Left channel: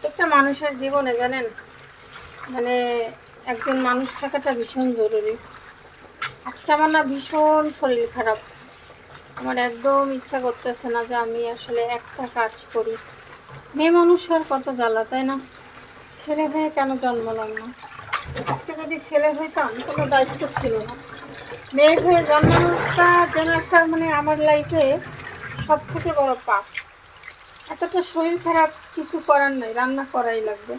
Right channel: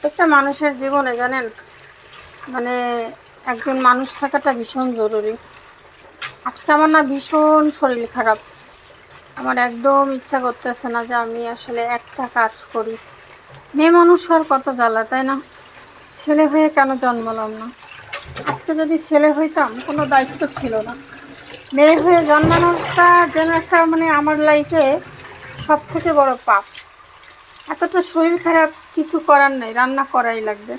প্রত্যেকটা মানুষের জীবনে জানেন মানে একজন মানুষ থাকাটা ভীষণ জরুরি। আজকে আমার না ভীষণ শরীর খারাপ। আমার একদম ইচ্ছা করতেছে না যে আমি আসলে একটা কাজ করি। মেয়ে মানুষ আর কত জ্বালা, তাই না? ছেলে হয়ে কেন জন্মালাম না? আজকে যদি ছেলে হইতাম, কোনো দায়িত্ব ছিল না। মেয়ে হয়ে জন্মানোটা যেন একটা মানে আমার লাইফে সব থেকে বড় পাপ। এতটা শরীর খারাপ কিছু করার নেই, রান্না করাই লাগবে।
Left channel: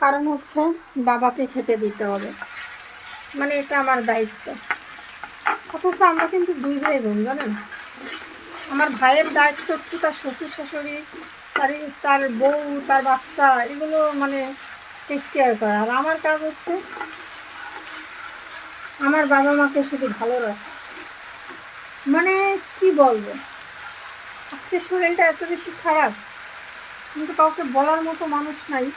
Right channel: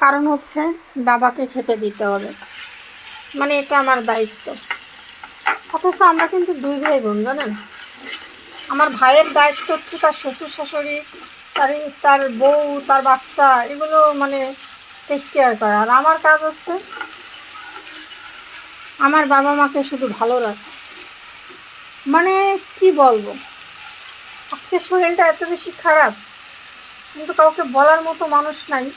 কারণ হচ্ছে বাবাকে খেতে দিতে হবে। মানে এটা আমার দায়িত্ব। অথচ আমরা কিন্তু দুই ভাই বোন জানেন? আমার ভাইয়ের দায়িত্ব হচ্ছে তার শ্বশুর শাশুড়ি তার তার বউ, তার বাচ্চা, এগুলো মানে টেক কেয়ার করা। আর আমার কাজ হচ্ছে আমার বাবা মাকে শুধু ভালো রাখা। মানে কি বলব? আজকে শরীরটা এত বেশি খারাপ। কিন্তু কাউকে বলার মতো মানুষ নাই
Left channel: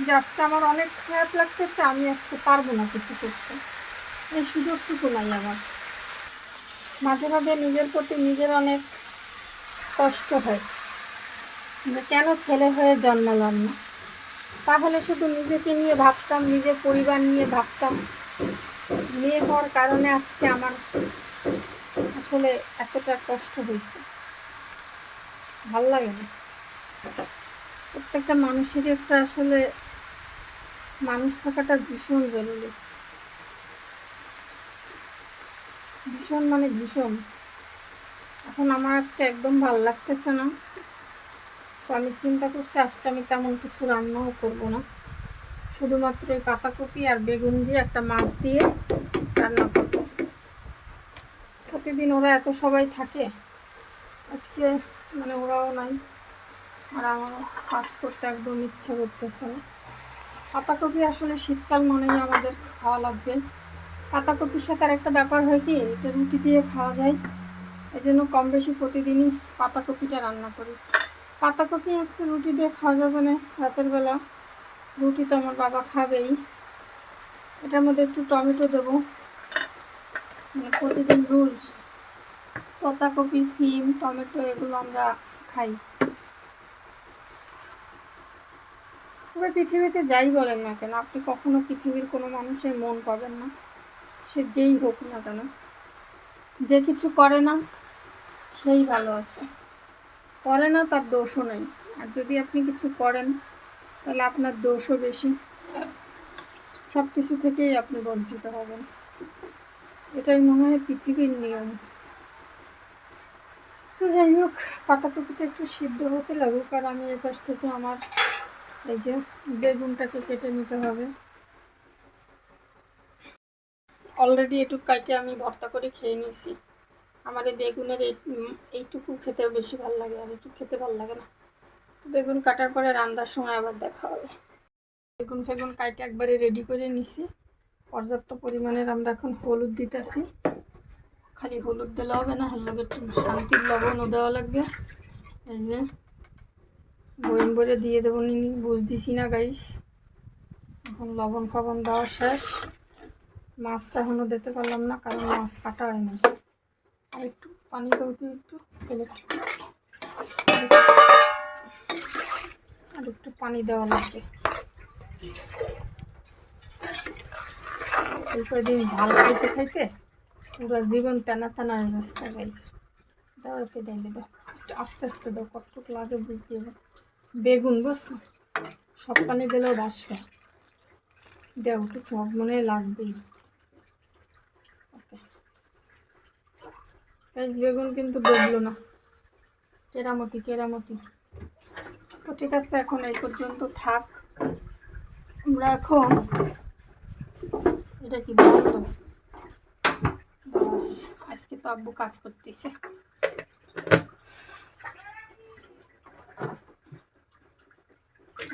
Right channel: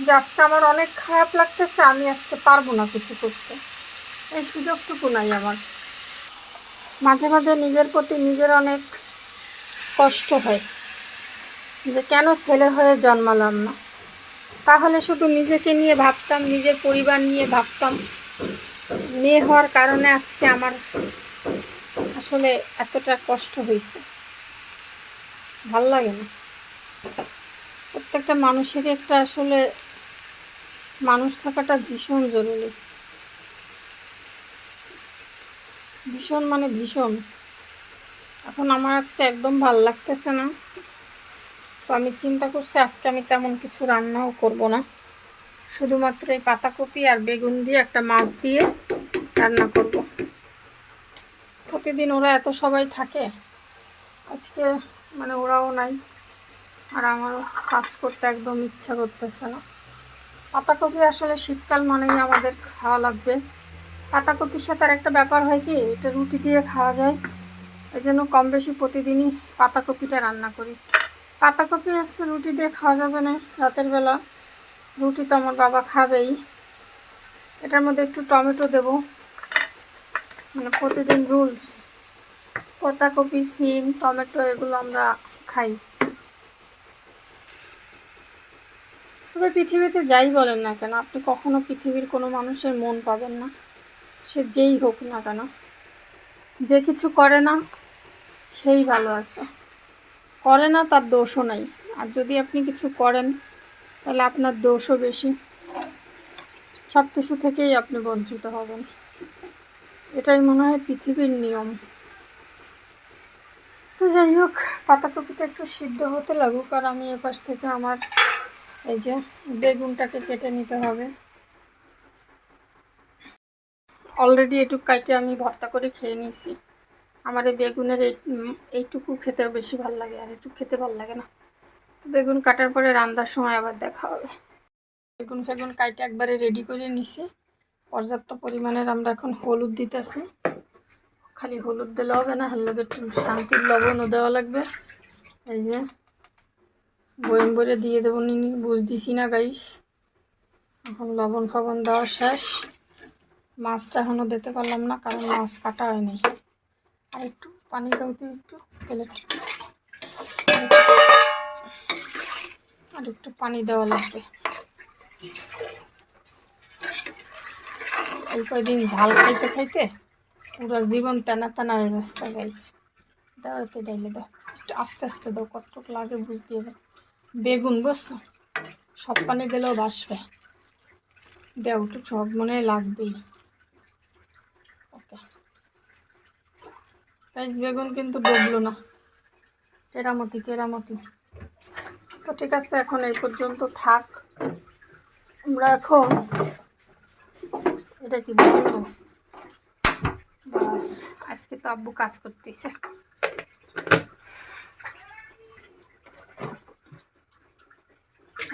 যে আজকে আমার অনেক খারাপ লাগতেছে, আমি আজকে পারব না কিছু করতে। এই সুযোগটুকু নাই আমার। মাঝে মাঝে নিজের প্রতি নিজের অনেক কষ্ট হয় যে কেন ছেলে হয়ে জন্মালাম না? তাহলে শুধু নিজেকে নিয়ে ভাবতাম, নিজের পরিবার নিয়ে ভাবতাম। মেয়ে হওয়ার কারণে আজকে আমার আসলে এতটা কষ্ট হয়েছে। ভালো লাগে না। প্রত্যেকটা মানুষেরই একটা আসলে মানুষ থাকাটা ভীষণ জরুরি। ভীষণ মানে ভীষণ। এখন আমার আজকে একদম ভালো লাগতেছে না। তো আমি চিন্তা করছি আজকে আমি তেমন কিছু রান্নাও করব না। শুধুমাত্র এই পাতাকপি আর বেগুন দিয়ে একটা মাছ দিয়ে রান্না করব। প্রতিদিন ওরা এত সবাই থাকে। আজকে মানে ওরাও নাই। আর আমারও কাজ করতে একদম ইচ্ছা করতেছে না। পাতাকপি আসলে শীতকাল মানেই আমাদের খাওয়া লাগবে। পাতাকপির সাথে আর একটা ব্যাপার হয় কি, এটা রুটি দিয়ে খাওয়া যায়। এই জন্য কম বেশি প্রতিদিনই পাতাকপিটা রান্না করি। পাতাকপি আসছে রুটি দিয়ে খাওয়া যাবে না রাতের বেলা। রুটি তো আমার বাবা খাবেই। এটার মধ্যে একটু টমেটো দেবো। মানে প্রতিদিন রুলস। পাতাকপি, সিম, টমেটো এগুলো আমরা খাই। তবে পৃথিবীতে যাই বলেন না কেন, আপনি কখনো পৃথিবীর কোনো মানুষের মন পাবেন না। সে যেই হোক না কেন, যে কিছু করে না, সেই ভালো আছে। করে না, তার দোষও নাই। আর যদি আপনি কিছু করেন, তাহলে আপনার দোষও বেশি। সব কিছু থেকেই আপনি বঞ্চিত হবেন। এটাই মনে হয় পৃথিবীর নিয়ম। যাই হোক, পাতাকপিটা একটু সিদ্ধ হতে লাগুক আর আমি এপাশ থেকে আমার এই যে বেগুনটাকে কেটে নিতে হবে। অলরেডি এটুকু কাটে আমি ভর্তা করে খেয়ে নিয়েছি। আমার এই বেগুনের এই এইটুকু খেতে বেশি ভালো লাগে আর একটু খেতে ভালো লাগে না। বেগুন কাটার পরে রান্নার সময় আবার দেখা হবে। বেগুন ফেগুন কাটে একবারে রেডি করে নিছি। পর্যাপ্ত পরিমাণের আমরা এখন হলুদ দিতেছি। খালি হলুদ দিলে হবে না হার লগে একটু শান্তির লবণও দেওয়া লাগবে। এই যে বইম বইরে দিয়ে দেবো নিনি বুঝ দিছি না গাইস এখন লবণ ফবণ দেওয়া শেষ। মাছটা এখনও দিতে পারলাম না, কারণ মাছ কাটা হয়নি। আর একটু পানি দাও একটু প্লেট আর একটু পানি দেওয়া লাগবে। এই কয়দিন খাইতে খাইতে পুরো জীবন টানা টানা যাচ্ছে গাইস দাও এতে ডাইলে দাও। একটু আস্তে আস্তে দাও, কতটুকু লাগে বুঝ দিয়ে দাও বেগুন, বুঝছ? সব পানি দিলেও বাসবে দেও, একটু সব মনে লাগবেই। ওকে গাইস বেগুন কিন্তু ডুবলো না। কেরামতি কেরামতি। তো ঠিক আছে, এখন এই পর্যন্ত থাক। আমরা এখন এটা কি বলব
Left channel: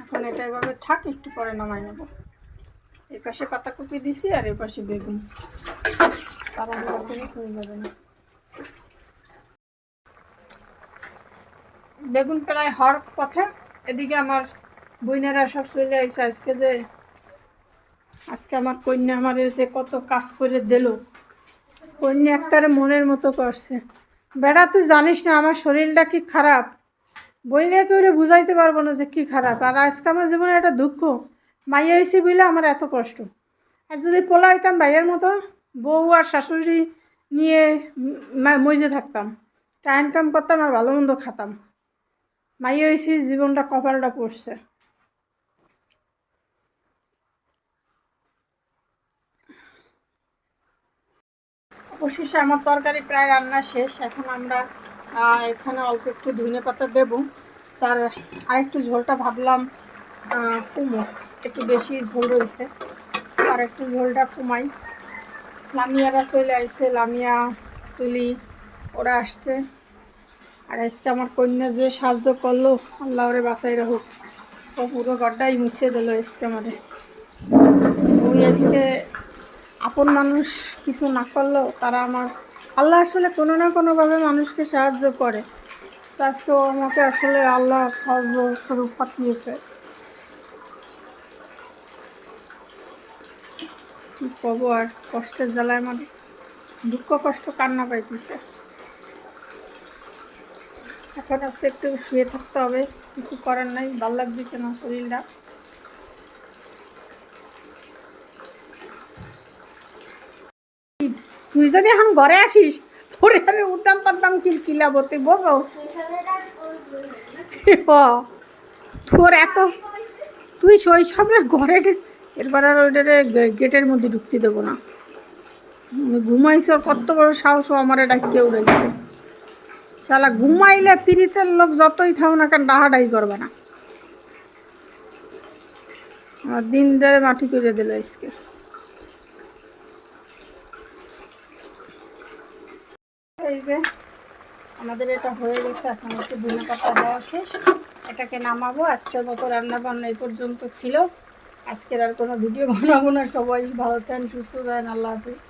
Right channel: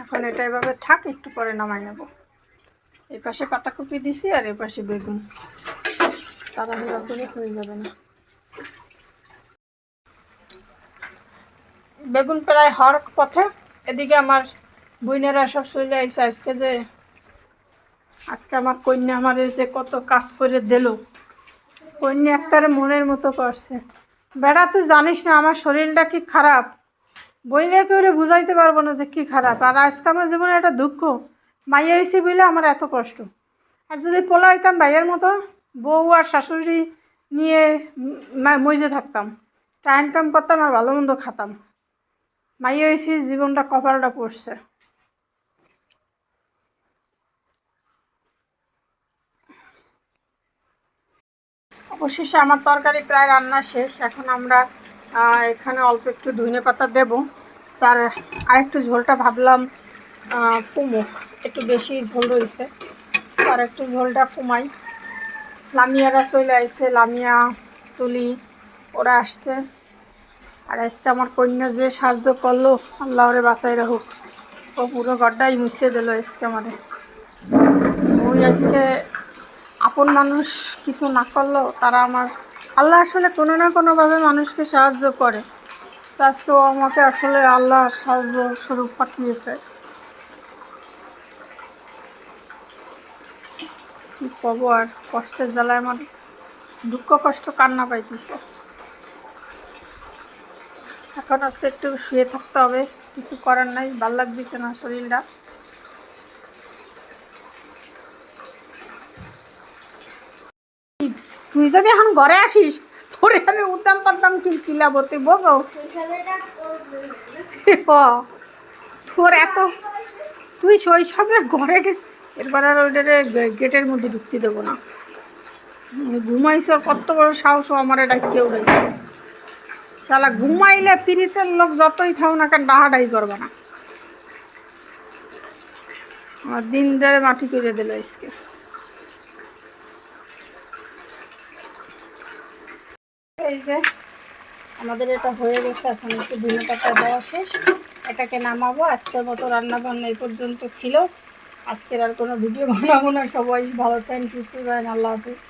এখন এটা এভাবে থাক, একটু পরে নামাই নেব। এই পাশে পাতাকপি দিছি আর এই পাশে বেগুন। করে হয়ে যাবে না। বেগুন প্রায় হওয়ার পথে এদিকে আমার বইনেরা সব চলে আসছে আজকে যে, আজকে আমার কন্যা আমার যে কত কাজ করে দিল। কন্যা একটারে মনের মতো করছে। বেড়া তুই জানিস না আমার শরীরটা কি খারাপ? বইলে কেউ বুঝাইতে পারব না যে কী খারাপ। আর আজকে আমার জীবনে একটা দুঃখ। মাইয়া হয়েছি বলে আমার এত কষ্ট। আর যদি পোলা হইতাম ভাইয়ের মতো, বউ আর শাশুড়ি নিয়ে মজে থাকতাম। টাইম টাইম করতাম আর ভালো মন্দ খাতাম। মাইয়া হয়েছি জীবনটা কপালটা পড়ছে। অবশেষে আমার তরকারি প্রায় রান্না শেষ। এখন আমরা এখানে অল্প একটু ধনে পাতা দেব। তার আরেকটু ঝোলটা ভাবলাম কমুক। একটু বেশি ঝোল রয়েছে। আর একটু ঝোলটা কমাই। লামিয়ারা চলে আইসে লামিয়া তুলি, ওরা আসছে। আর আজকে আমার কন্যা যে সাহায্য করল আল্লাহ ওরে বাঁচাই রাখুক। ও পুরো গড্ডাই মুছে দিল আজকে আমারে ওই আজকে আপন মানুষ কিছু না করলেও তারা আমার, আল্লাহ আসলে কোনো না কোনোভাবে মানুষকে সাহায্য করে। তো আমাকে আসলে আল্লাহ সাহায্য স্বরূপ পাঠিয়েছে। কি আর? কষ্টের জ্বালায় আমার দুঃখ, কষ্ট কান্না পাইতেছে। এখন আজকে একটু শুয়ে থাকতে হবে, কিছু করার নাই, ভালো লাগতেছে না শরীরটা। তুই যদি এখন ঘরে আসিস, তোরে আমি উদ্যাম পাদ্দাম কিল কিলাবো তুই বোঝো? তোর এত তুই শৈশবে ঘরে এরপর আর ওইটারে গেটের মধ্যে ঢুকতে দেবো না। ঘুমাইছে কত বড় সাহস আমার এটা কেউ রয়েছে শালা ঘুমাইলে পিড়িতের লোক যতই থাও না কেন ডাহাডাই করবে না। আর দিন ধরে মাটি করে দিল আজকে। এই যে, আমাদের এটা হয়ে গেছে, এখন একটু ধনে পাতা দেওয়া শেষ। এটাকে নামাবো, আজকের মতো রান্না বান্না এই পর্যন্ত ছিল। আজকের আর কোনো ভিডিও বানাবো না। সবাই ভালো থাকেন, সুস্থ থাকেন, আল্লাহ হাফিজ।